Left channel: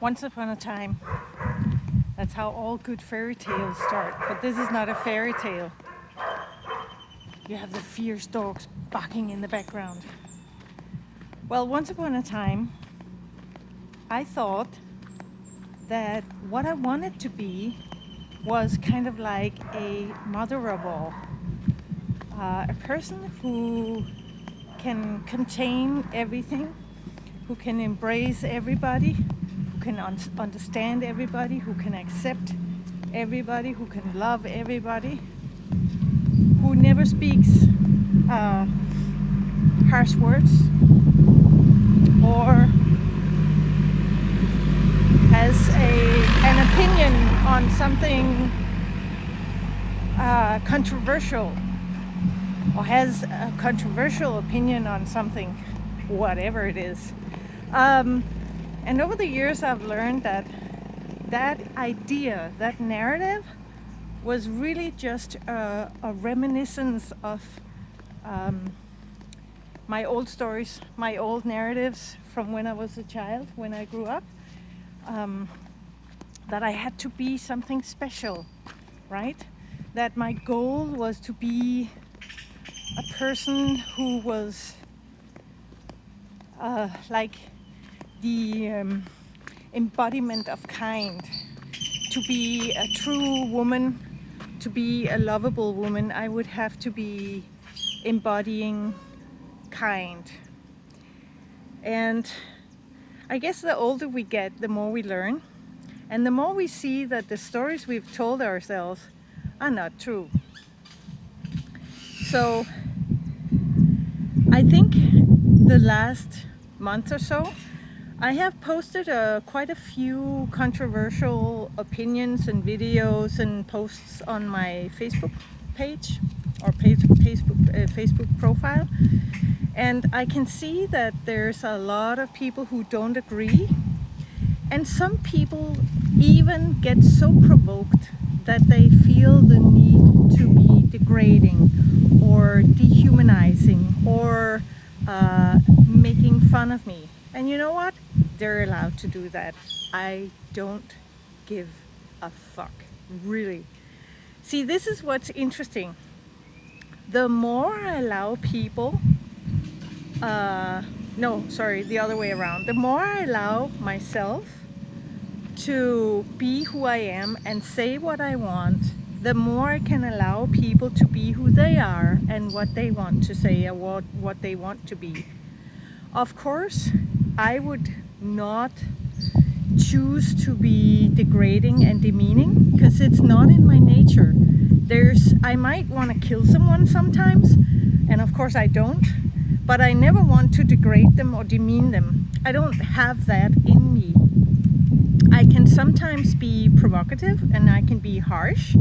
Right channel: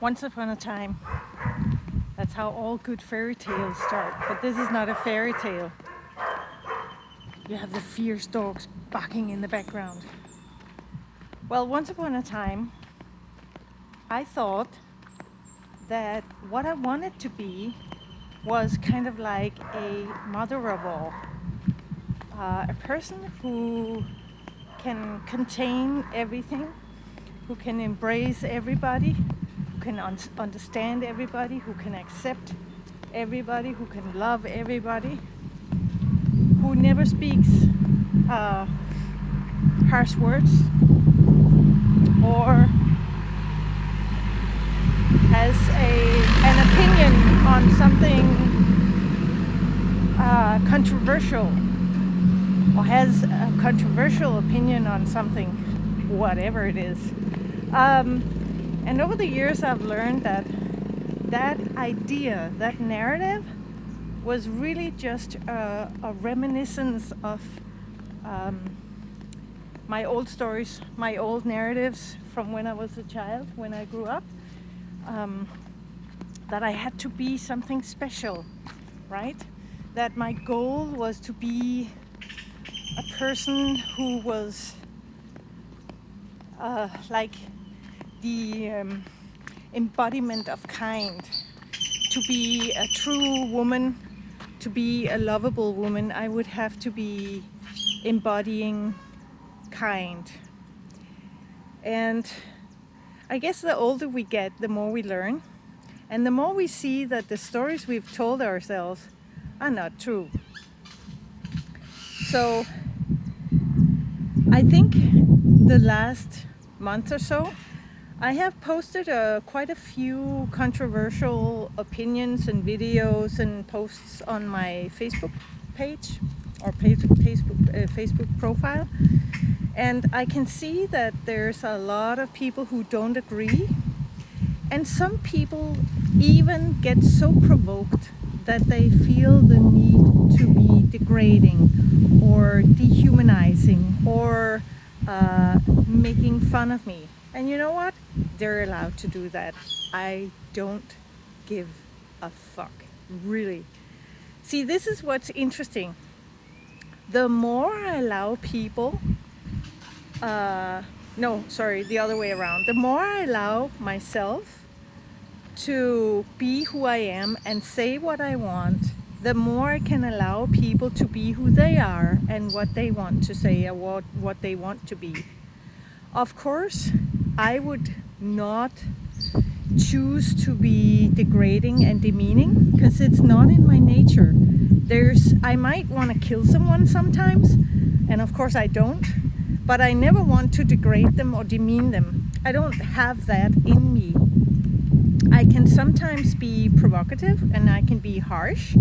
Once upon a time. That's how all good fairy tales start. But this is not a fairy tale. You have the fierce dogs barking in the background. Well, once upon a time, I thought that what I wanted to be was kind of like a mother of all. A person who can contain everything, who can embrace everybody, who can understand everybody, who can accept everybody, who can love everybody, who never speaks harsh words or has an opinion on something controversial, or has a controversial opinion on something, whatever it is. And over the years I've learned that idea, that narrative, was really just a reminiscence of my old stories, my old narratives from when I was a child, when I grew up, that I had to be something special, right? That my goal was to be a person who was like the embodiment of kind, to be a true woman, to be a lovable woman. I would have to be embodying kind. And I guess the older we get, the more we learn, and the more we see that the stories we've told ourselves are not true. So I think the last month or so, I have posted quite a few controversial opinions and videos and posts on my Facebook page or Facebook profile. And I can see that there's a lot of people who don't agree. And some people even get so provoked that they feel the need to be degrading or dehumanizing or making fun of me. And you know what? They're allowed to do that. I don't give a fuck, really. See, this is what's interesting. The more I allow people, the other way around. The more I allow myself to be who I am and say what I want, the more I can allow people to be who they are and what they want to say or what they want to be. Of course, I would not choose to be degrading and demeaning because it's not in my nature. I might want to kill someone sometimes, and of course I don't, but I never want to degrade them or demean them. I don't have that in me. I can sometimes be provocative and I can be harsh,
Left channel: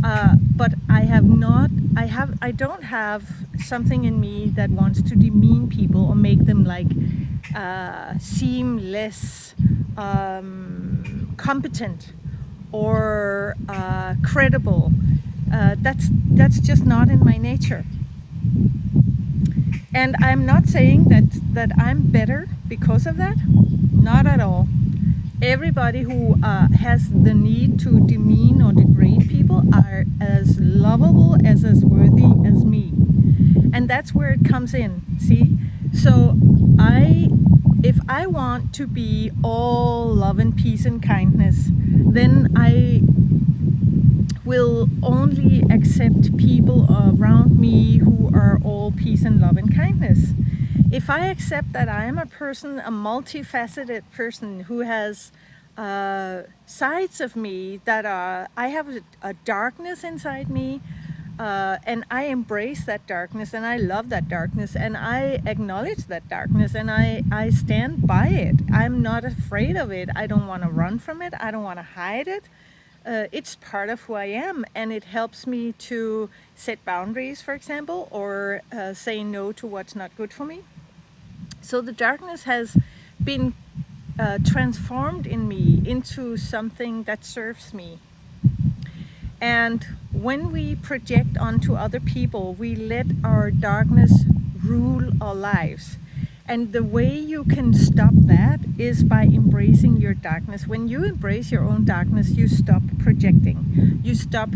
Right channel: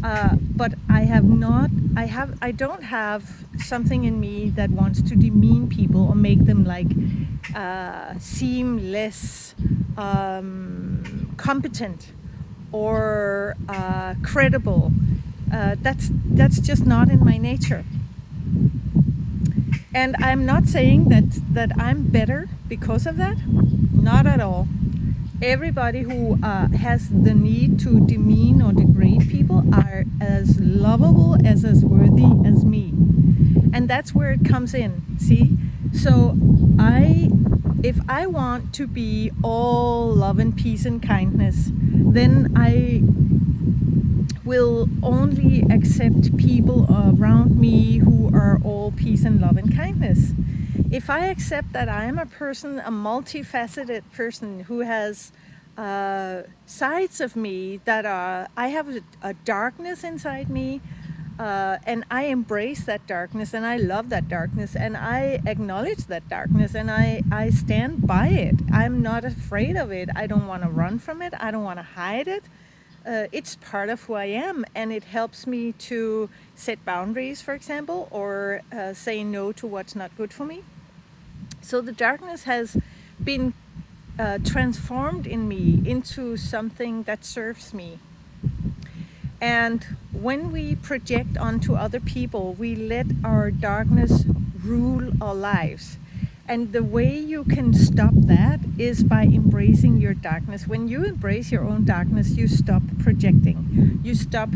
but I don't have something in me that wants to demean people or make them like seem less competent or credible. That's just not in my nature. And I'm not saying that I'm better because of that. Not at all. Everybody who has the need to demean or degrade people are as lovable, as worthy as me. And that's where it comes in, see? So if I want to be all love and peace and kindness, then I will only accept people around me who are all peace and love and kindness. If I accept that I am a person, a multifaceted person who has sides of me that I have a darkness inside me, and I embrace that darkness and I love that darkness and I acknowledge that darkness and I stand by it. I'm not afraid of it. I don't want to run from it. I don't want to hide it. It's part of who I am, and it helps me to set boundaries, for example, or say no to what's not good for me. So the darkness has been transformed in me into something that serves me. And when we project onto other people, we let our darkness rule our lives. And the way you can stop that is by embracing your darkness. When you embrace your own darkness, you stop projecting. You stop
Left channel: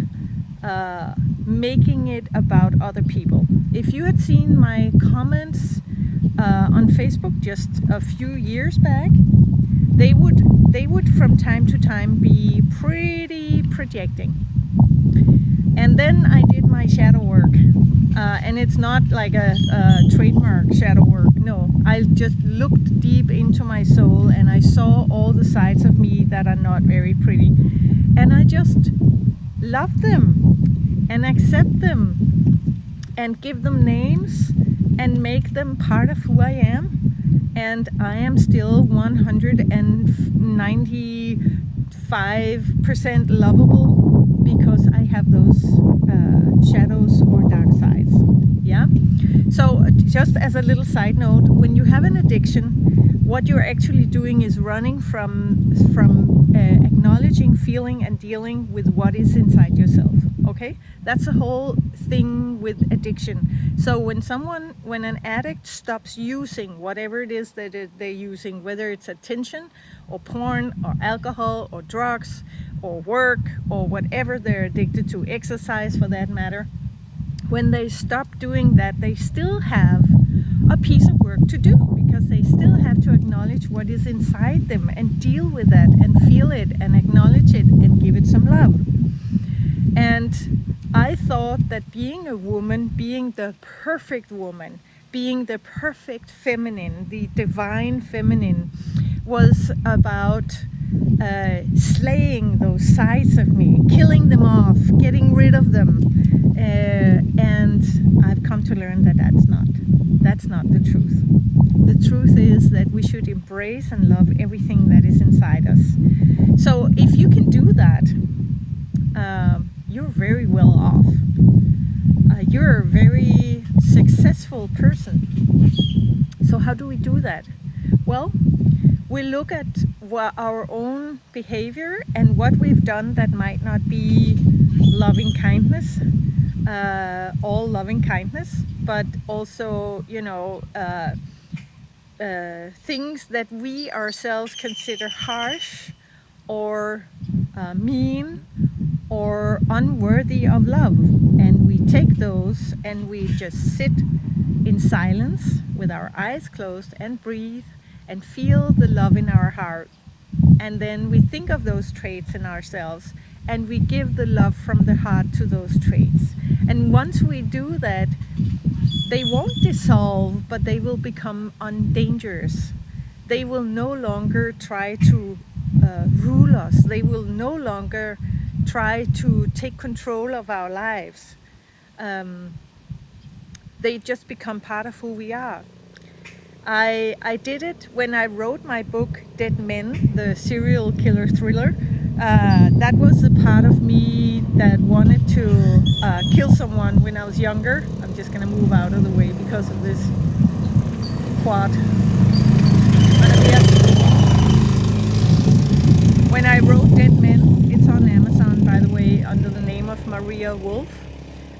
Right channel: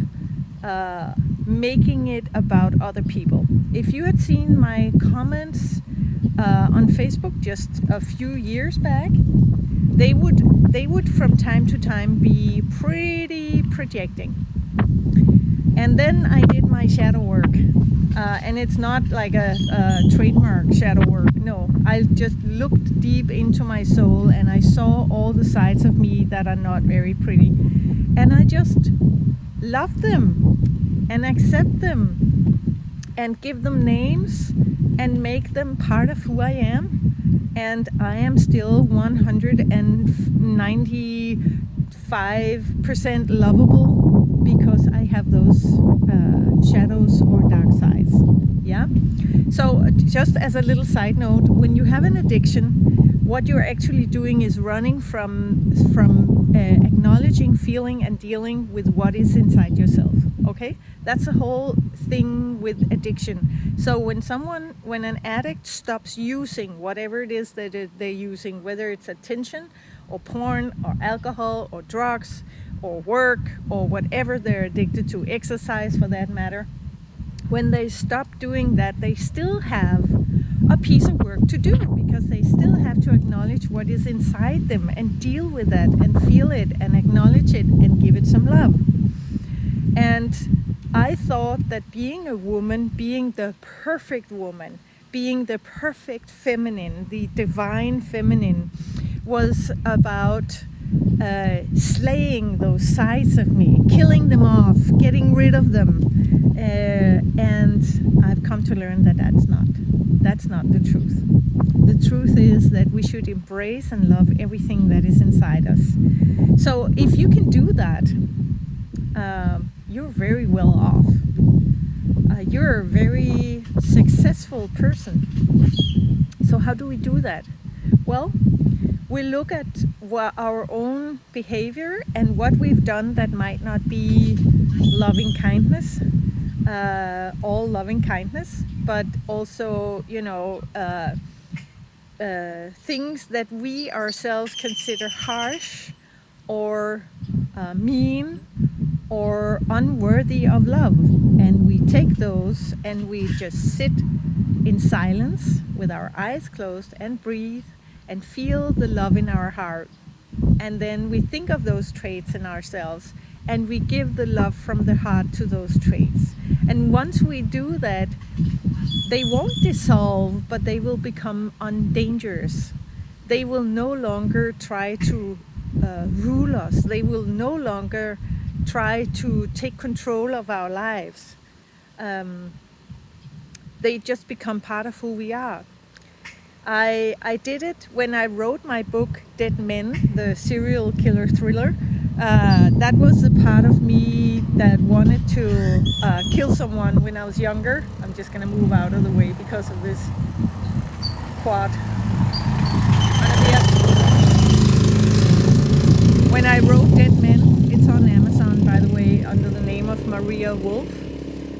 making it about other people. If you had seen my comments on Facebook just a few years back, they would from time to time be pretty projecting. And then I did my shadow work, and it's not like a trademark shadow work. No, I just looked deep into my soul, and I saw all the sides of me that are not very pretty, and I just love them and accept them and give them names and make them part of who I am. And I am still 195% lovable because I have those shadows or dark sides. Yeah. So just as a little side note, when you have an addiction, what you're actually doing is running from acknowledging, feeling, and dealing with what is inside yourself. Okay, that's the whole thing with addiction. So when an addict stops using whatever it is that they're using, whether it's attention or porn or alcohol or drugs or work or whatever they're addicted to, exercise for that matter, when they stop doing that, they still have a piece of work to do, because they still have to acknowledge what is inside them and deal with that and feel it and acknowledge it and give it some love. And I thought that being a woman, being the perfect woman, being the perfect feminine, the divine feminine, was about slaying those sides of me, killing them off, getting rid of them. And I've come to learn that that's not the truth. The truth is that we should embrace and love everything that is inside us. So if you can do that, you're very well off. You're a very successful person. So how do we do that? Well, we look at our own behavior and what we've done that might not be loving kindness, all loving kindness, but also, things that we ourselves consider harsh or mean or unworthy of love. And we take those and we just sit in silence with our eyes closed and breathe and feel the love in our heart. And then we think of those traits in ourselves and we give the love from the heart to those traits. And once we do that, they won't dissolve, but they will become undangerous. They will no longer try to rule us. They will no longer try to take control of our lives. They just become part of who we are. I did it when I wrote my book, Dead Men, the serial killer thriller. That was the part of me that wanted to kill someone when I was younger. I'm just gonna move out of the way because of this quad. When I wrote Dead Men, it's on Amazon, by the way, under the name of Mariah Wolfe.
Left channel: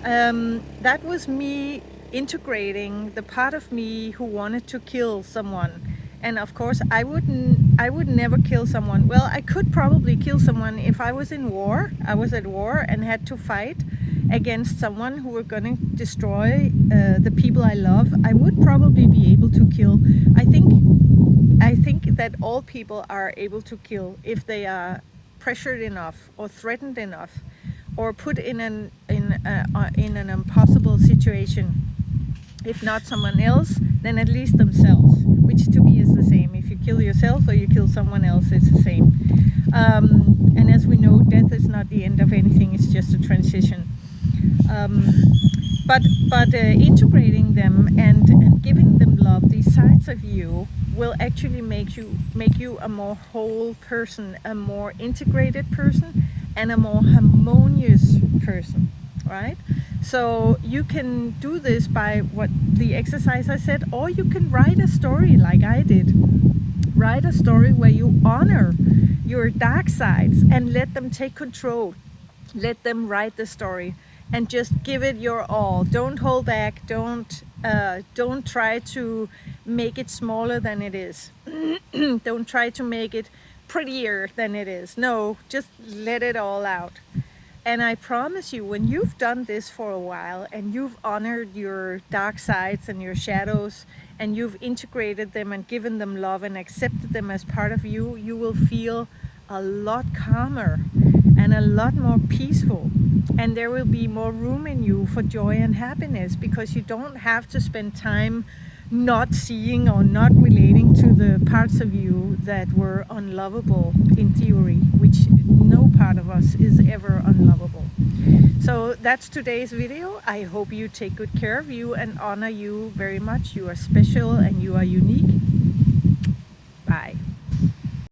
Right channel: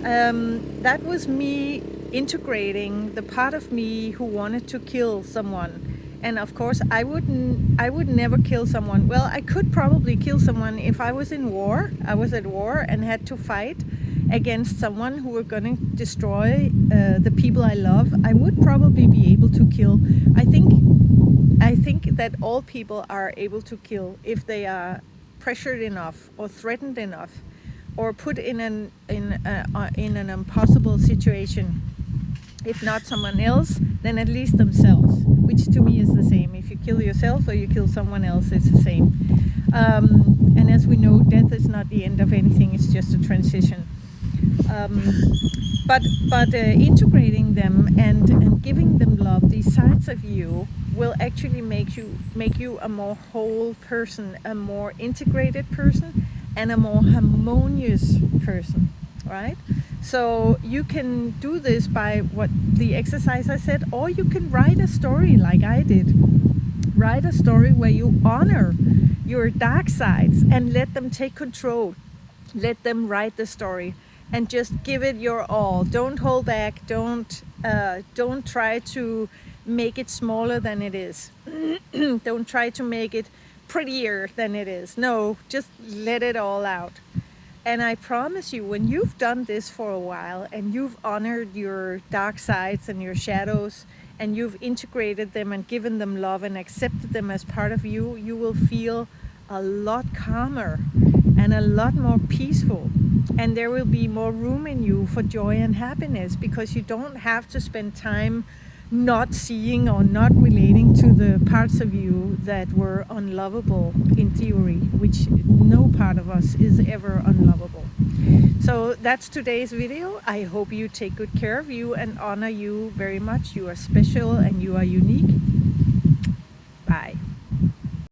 That was me integrating the part of me who wanted to kill someone. And of course, I would never kill someone. Well, I could probably kill someone if I was in war. I was at war and had to fight against someone who were going to destroy the people I love. I would probably be able to kill. I think that all people are able to kill if they are pressured enough or threatened enough or put in an impossible situation. If not someone else, then at least themselves, which to me is the same. If you kill yourself or you kill someone else, it's the same. And as we know, death is not the end of anything, it's just a transition. But integrating them and giving them love, these sides of you, will actually make you a more whole person, a more integrated person, and a more harmonious person, right? So you can do this by what the exercise I said, or you can write a story like I did. Write a story where you honor your dark sides and let them take control. Let them write the story and just give it your all. Don't hold back. Don't try to make it smaller than it is. Don't try to make it prettier than it is. No, just let it all out. And I promise you, when you've done this for a while and you've honored your dark sides and your shadows, and you've integrated them and given them love and accepted them as part of you, you will feel a lot calmer and a lot more peaceful. And there will be more room in you for joy and happiness, because you don't have to spend time not seeing or not relating to the parts of you that were unlovable in theory, which no part of us is ever unlovable. So that's today's video. I hope you take good care of you and honor you very much. You are special and you are unique.